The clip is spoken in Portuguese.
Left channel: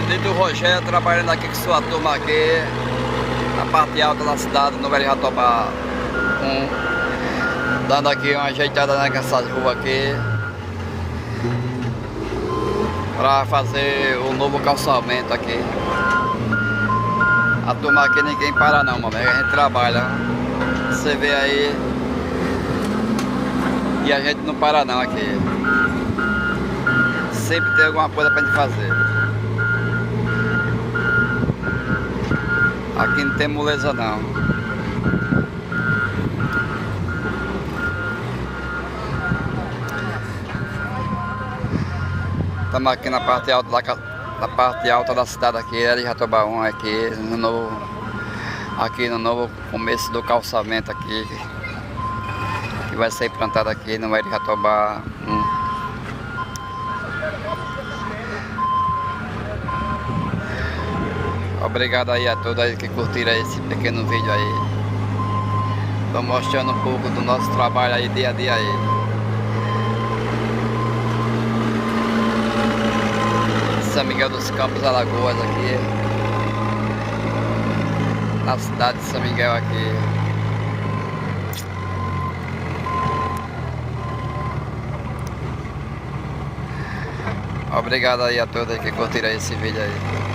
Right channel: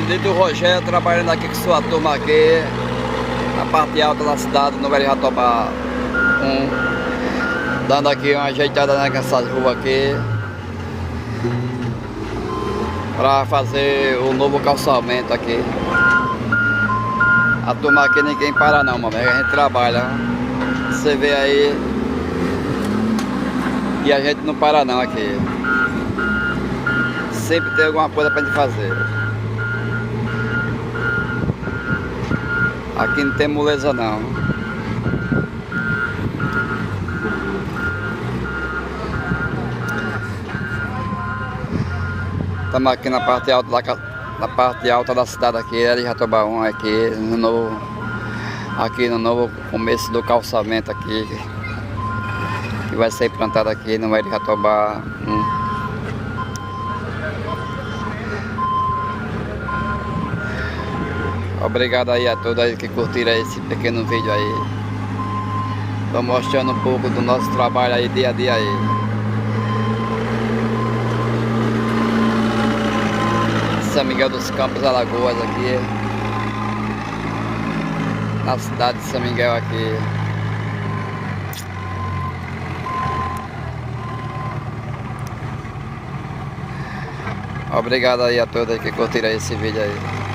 Lito Rogério, trabalhando aqui com sua turma aqui na parte alta da cidade, no Velho Jatobá 1, dando aqui uma ajeitada nessas ruas aqui para fazer o novo calçamento aqui. A turma aqui ninguém para não, meu amigo, a gente trabalha, você vê aí, e a gente não para não aqui. Sempre tem alguma coisa pra gente fazer. Aqui não tem moleza não. Estamos aqui na parte alta da cidade aqui, Velho Jatobá 1, aqui no novo começo do calçamento aqui, que vai ser implantado aqui no Velho Jatobá 1. Obrigado aí a todos aí que curtiram esse pequeno vídeo aí. Estou mostrando um pouco do nosso trabalho aí, dia a dia aí. São Miguel dos Campos, Alagoas aqui. Na cidade de São Miguel aqui. Obrigado aí a todos aí que curtiram esse vídeo aí.